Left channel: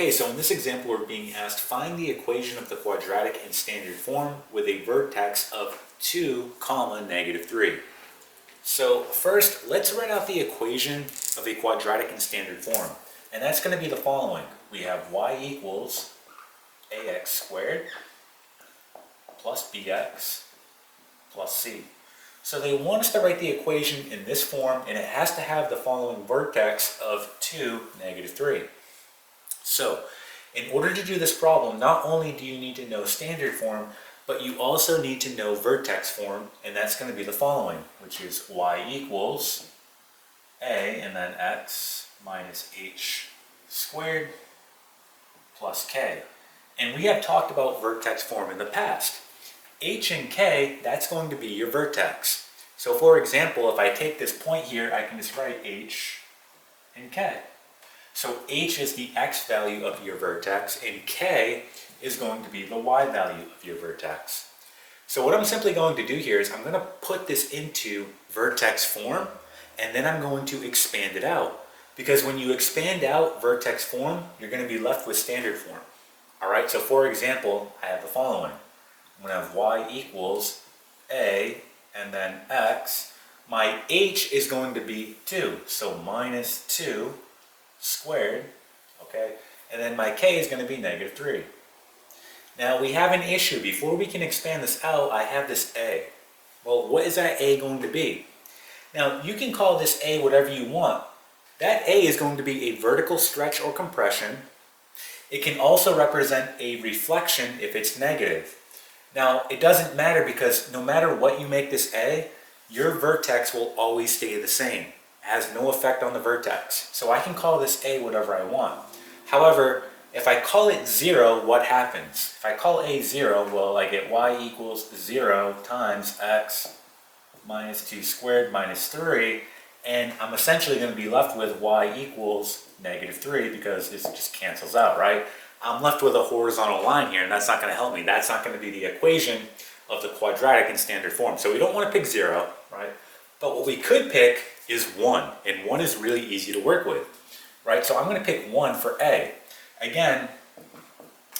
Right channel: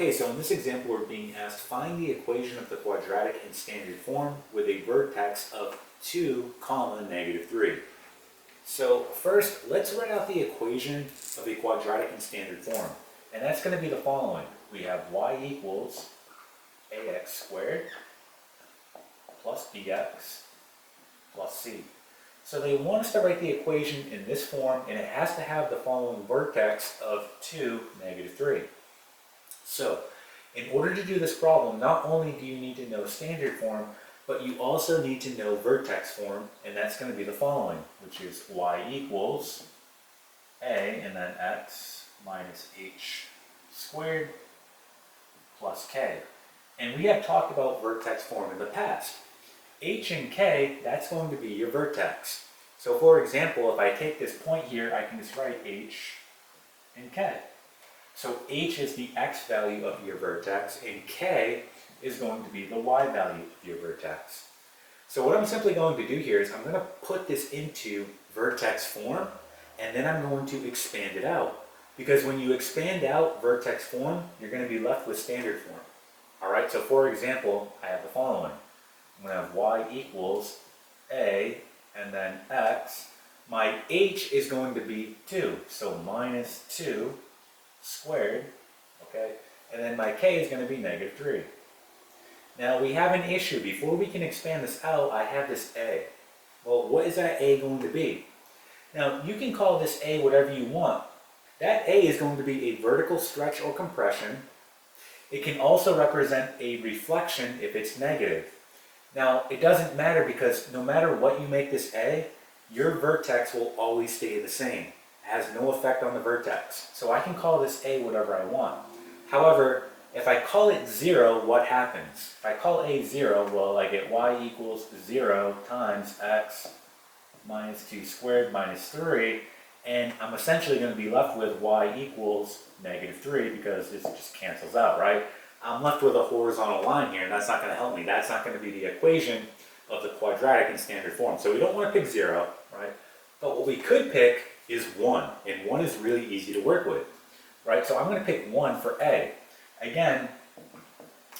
Okay, so in this example we're being asked, find the equation of the quadratic in standard form with a vertex of 2, negative 3. So first, let's write out the equation of a quadratic in standard form. And that's going to be the following. We have y equals ax squared plus bx plus c. So they want us to write the equation in this form, and it has to have the following vertex of 2, negative 3. So, in order to do this problem, not only do you need to know standard form, but you also need to know vertex form, and that's going to be the following, which is y equals a and then x minus h squared plus k. And we have talked about vertex form in the past. H and k, that's going to be your vertex. So for example, if I take this point here, I can just write h and k. So h is the x value of your vertex, and k is going to be the y value of your vertex. So what I'm simply going to do here is I'm going to put this into vertex form, and then I'm going to expand it out. Because when you expand out vertex form, you're going to be left with standard form. Alright, so for example, I have the following. I'm going to have y equals a and then x. My h is going to be 2, so minus 2 squared, okay? And then my k is going to be negative 3. Now we have an issue. Before we can expand this out, I have this a. Well, what is that a going to be? Now you can call this a whatever you want. That a is going to be a vertical stretch or compression. It can also represent a reflection if it's negative. Now it doesn't matter, because no matter what you make this a, your vertex will always stay the same. It has no effect on the vertex. So I can call this a whatever I want. However, if I call it 0, what happens? If I call a 0, well, I get y equals 0 times x minus 2 squared minus 3, and I'm essentially going to be left with y equals negative 3, because this just cancels out, right? I'm left with a horizontal line here, and that's not going to help me. That's not going to be the equation of the quadratic in standard form. So we don't want to pick 0, right? But what we could pick is 1, and 1 is really easy to work with, right? So I'm going to pick 1 for a. Again,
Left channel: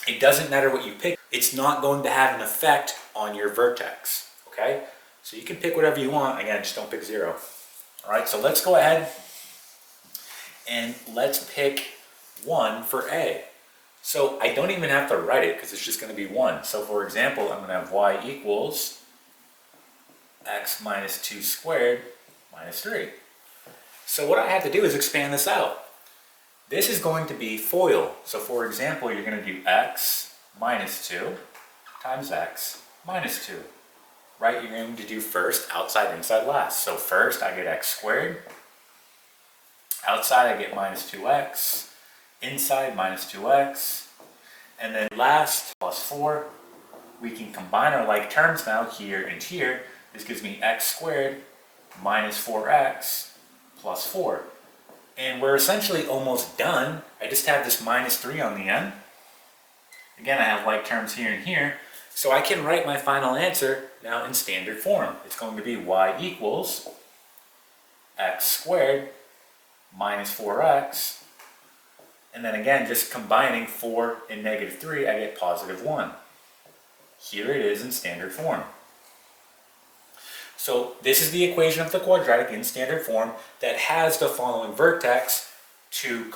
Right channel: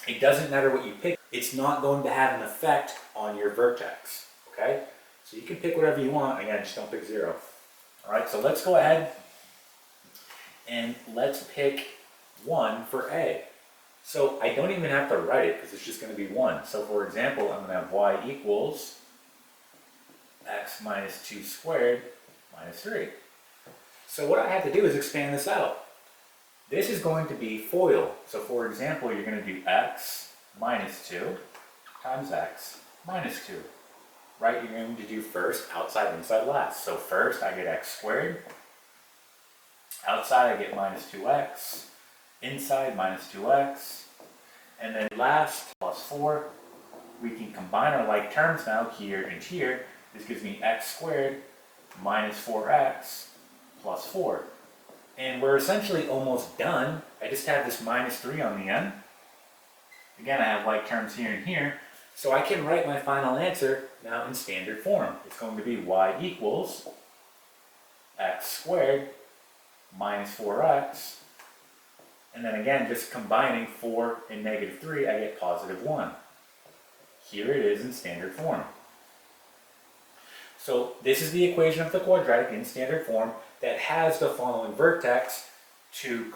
it doesn't matter what you pick. It's not going to have an effect on your vertex, okay? So you can pick whatever you want. Again, just don't pick 0. All right, so let's go ahead and let's pick 1 for a. So I don't even have to write it, because it's just going to be 1. So for example, I'm going to have y equals x minus 2 squared minus 3. So what I have to do is expand this out. This is going to be FOIL. So for example, you're going to do x minus 2 times x minus 2. Right? You're going to do first, outside, inside, last. So first I get x squared. Outside I get minus 2x. Inside minus 2x. And then last plus 4. We can combine our like terms now here and here. This gives me x squared minus 4x plus 4. And we're essentially almost done. I just have this minus 3 on the end. Again, I have like terms here and here. So I can write my final answer now in standard form. It's going to be y equals x squared minus 4x. And then again, just combining 4 and negative 3, I get positive 1. Here it is in standard form. So this is the equation of the quadratic in standard form that has the following vertex, 2,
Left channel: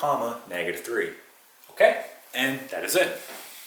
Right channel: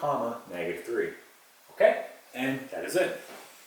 negative 3. Okay? And that is it.